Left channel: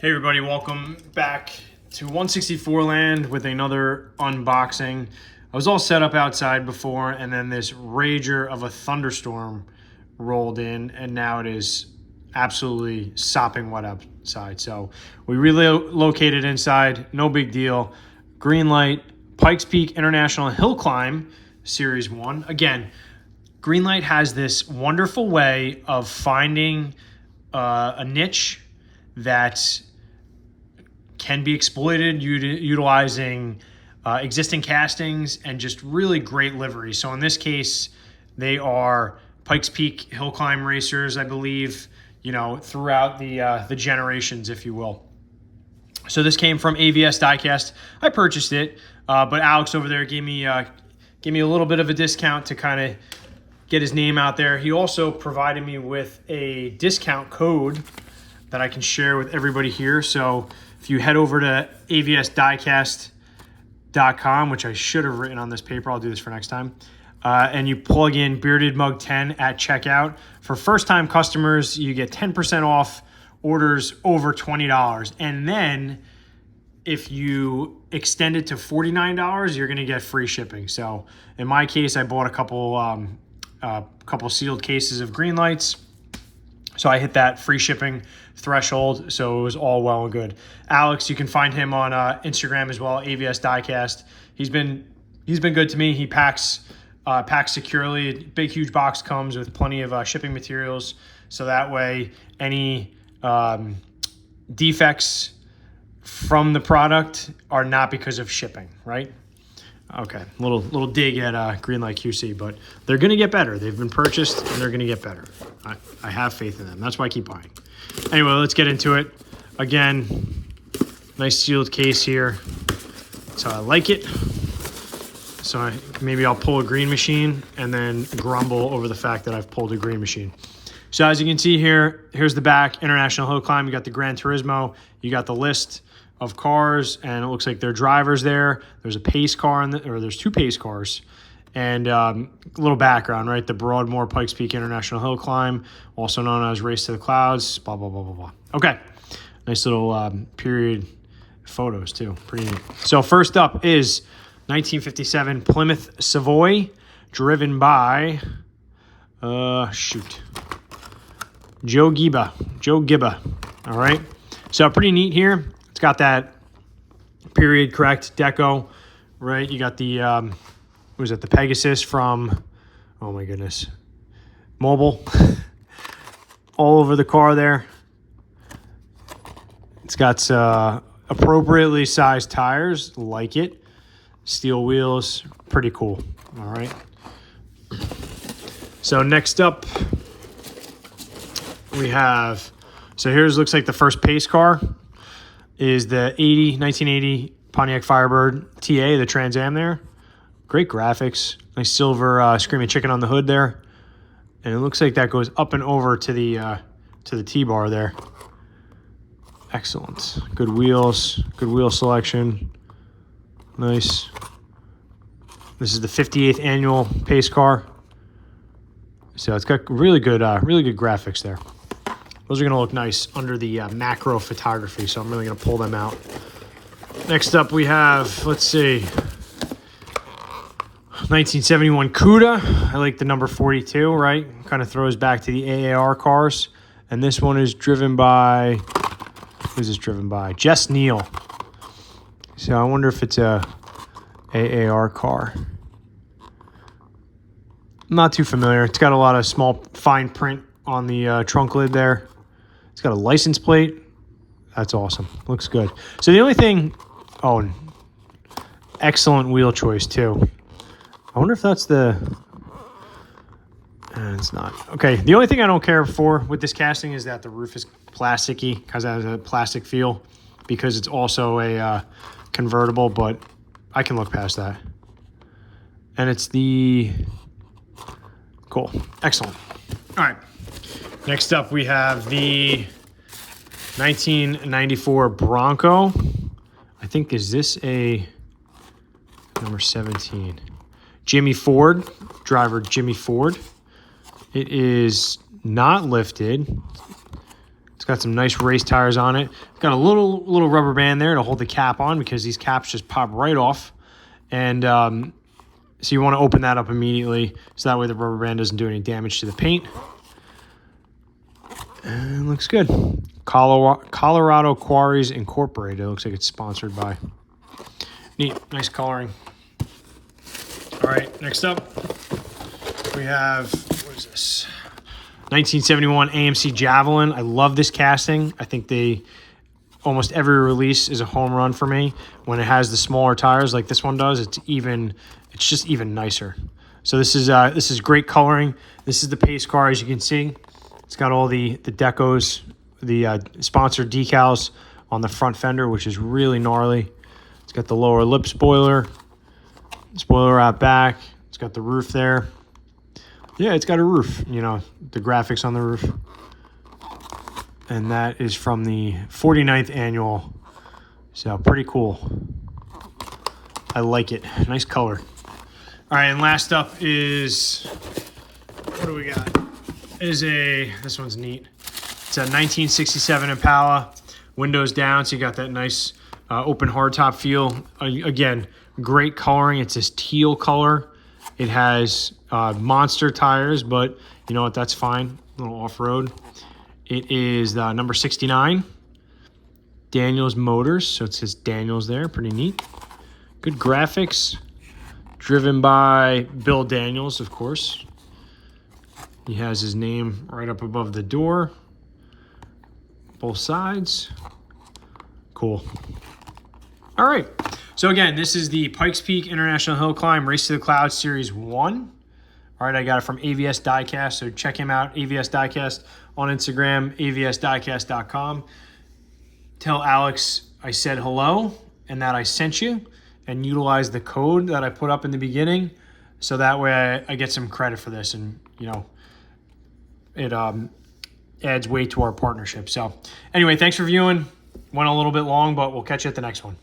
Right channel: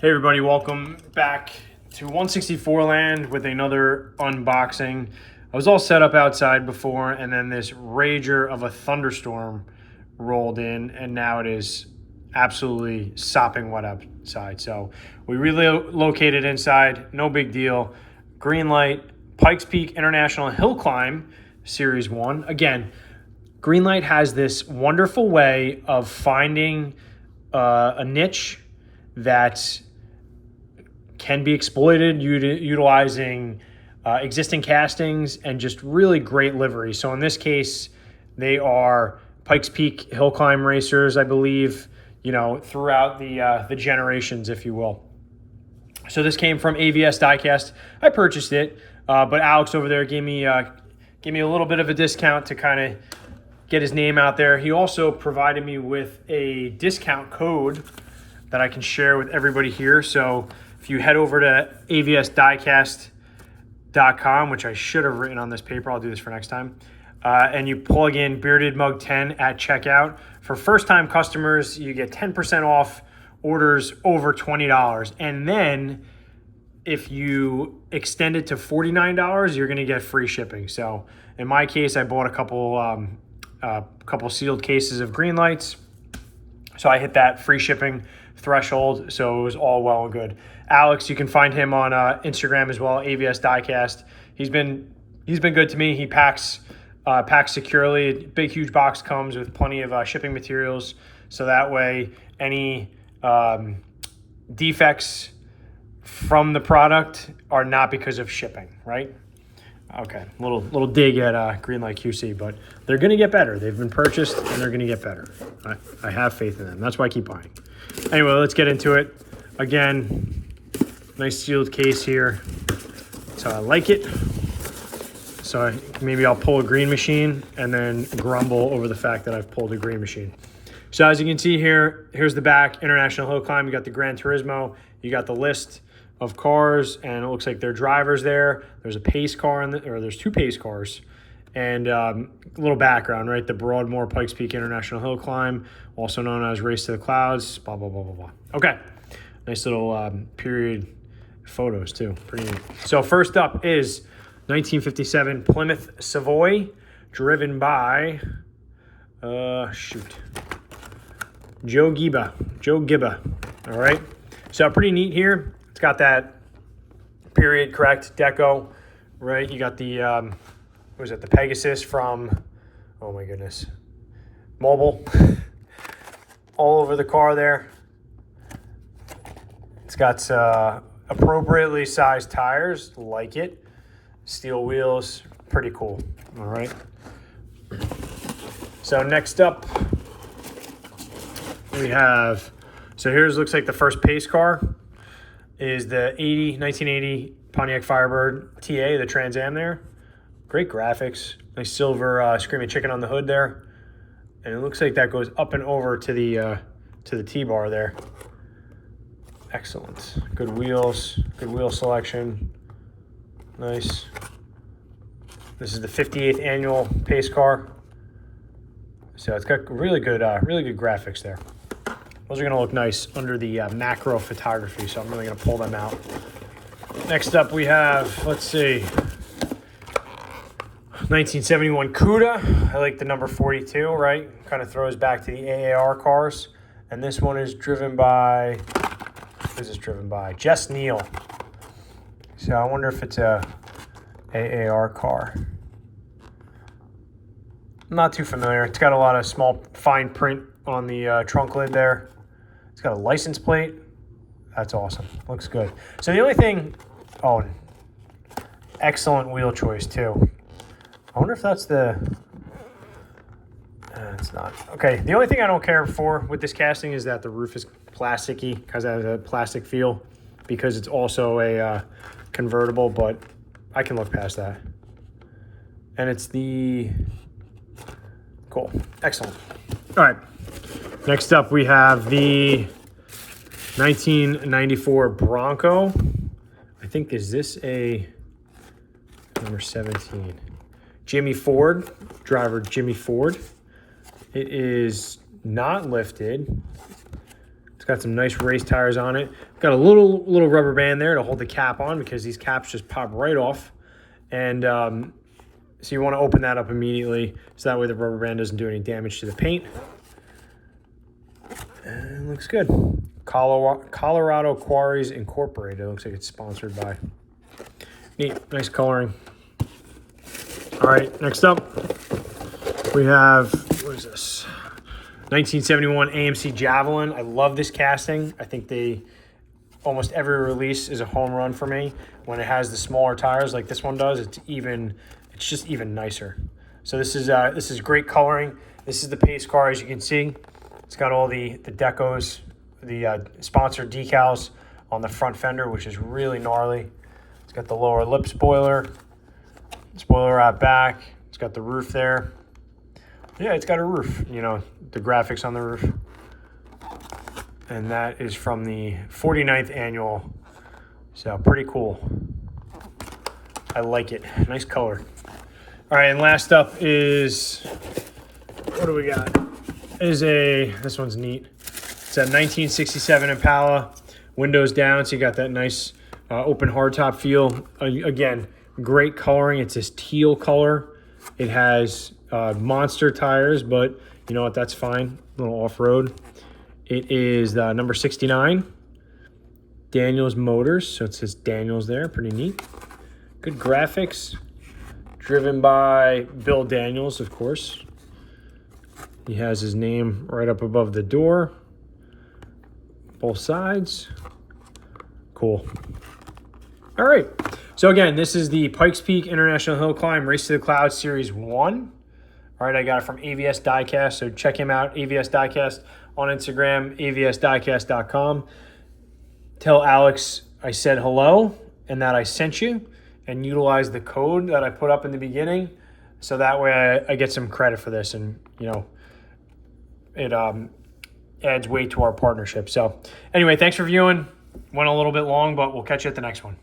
Hey everybody, welcome back to 164land with another unboxing. I was all set up outside before, and then this rager of a thunderstorm rolled in, and now it is absolutely sopping wet outside. So we relocated inside, no big deal. GreenLight Pikes Peak International Hill Climb Series 1. Again, GreenLight has this wonderful way of finding a niche that can be exploited utilizing existing castings and just really great livery. So in this case, they are Pikes Peak hill climb racers, I believe, you know, throughout the generations, if you will. So this came from AVS Diecast. I purchased it, but Alex over there gave me a little bit of a discount to kind of get his name out there. He also provided me with a discount code that I can share with everybody here. So if you head over to avsdiecast.com, which I should have written on this paper, I'll do this for next time, and you plug in Bearded Mug 10 at checkout. For first-time customers, you get 10% off orders over $20. And then if you extend it to $49, you're gonna get free shipping. So in my case, I bought a couple sealed cases of GreenLights. So I hit that free shipping threshold, so it was all well and good. Alex, you can find him on Instagram as well, AVS Diecast. He's been good to me. He packs securely. Big huge box comes with plenty of shipping materials, so that way any defects from the product are not because of shipping, right? Okay, little dig at GreenLight QC, but they're gonna get better. They've been purchased and they're gonna get better. I have faith in them. That's why I keep buying. Anyway, let's get into it. Again, nice sealed case here. So I like it. So maybe I'll pull a green machine and then grumble over the fact that I've pulled a green machine. So as you can see here, here's the back, International Hill Climb. You got the Gran Turismo, you got the list of cars, and it looks like their drivers there. There's a pace car, there's two pace cars. And a little background, right? The Broadmoor Pikes Peak International Hill Climb, also known as Race to the Clouds, blah, blah, blah, blah, blah. Okay, nice little period photos too, pretty neat. So first up is 1957 Plymouth Savoy, driven by, Joe Giba, all right? So pretty neat here. It's got that period correct deco, right? You got the, what was it, the Pegasus from, oh my goodness, Mobile, all over the car there. It's got appropriately sized tires, like it. Steel wheels, pretty cool, all right? So next up, we have, so here's, looks like the first pace car is the 1980 Pontiac Firebird TA, the Trans Am there. Great graphics, nice silver Screaming Chicken on the hood there. And it looks like that goes up and over to the T-bar there. Excellent, good wheels, good wheel selection, nice. This is the 58th annual pace car. So it's got really good graphics there. Those are gonna look nice under the macro photography, so I'm really gonna pull them out. Next up we have, let's see, 1971 Cuda. I like the number 42, right? Kind of throws back to the AAR cars. And this one is driven by, who's this driven by? Jess Neal. So I wonder if it's a AAR car. I'm not too familiar. It's got a lot of small fine print on the trunk lid there. It's got a license plate. That's awesome. Looks good. So the only thing, oh, excellent wheel choice too. I wonder if that's the, it's not. Okay, the only thing I don't care for with this casting is that the roof is plasticky, because it has a plastic feel, because it's also a convertible, but I can look past that. And it's the, cool, excellent. All right, next up we have the 1994 Bronco. I think, is this a number 17? Jimmy Ford, driver Jimmy Ford. It is not lifted. It's got some nice race tires on it. Got a little rubber band there to hold the cap on because these caps just pop right off. And so you want to open that up immediately so that way the rubber band doesn't do any damage to the paint. And it looks good. Colorado Quarries Incorporated. It looks like it's sponsored by. Neat, nice coloring. All right, next up we have, what is this? 1971 AMC Javelin. I love this casting. I think almost every release is a home run for me. When it has the smaller tires like this one does, it's just even nicer. So this is great coloring. This is the pace car, as you can see. It's got all the decos, the sponsored decals on the front fender, which is really gnarly. It's got the lower lip spoiler out back. It's got the roof there. Yeah, it's got a roof, you know, the graphics on the roof. And that is from the 49th annual. So pretty cool. I like it. Nice color. All right, and last up is, what do we got? This one's neat. It's a 1967 Impala, windows down, so you got that nice open hardtop feel. Again, great coloring. It's this teal color. It has monster tires, but you know what? That's fine. A little off-road. It is number 69. Daniels Motors, so it says Daniels there. Pretty neat. Good graphics. Driven by Bill Daniels, of course. He has his name right up above the door. Both sides. Cool. All right. So again, this is the Pikes Peak International Hill Climb Race to the Clouds Series 1. All right, I got it from AVS Diecast, so check him out, AVS Diecast on Instagram, avsdiecast.com. Tell Alex I said hello and that I sent you, and utilize the code that I put up in the beginning, so that way I get some credit for this, and you know, it adds weight to our partnership. So anyway, thanks for viewing. Went a little bit long, but we'll catch you at the next one.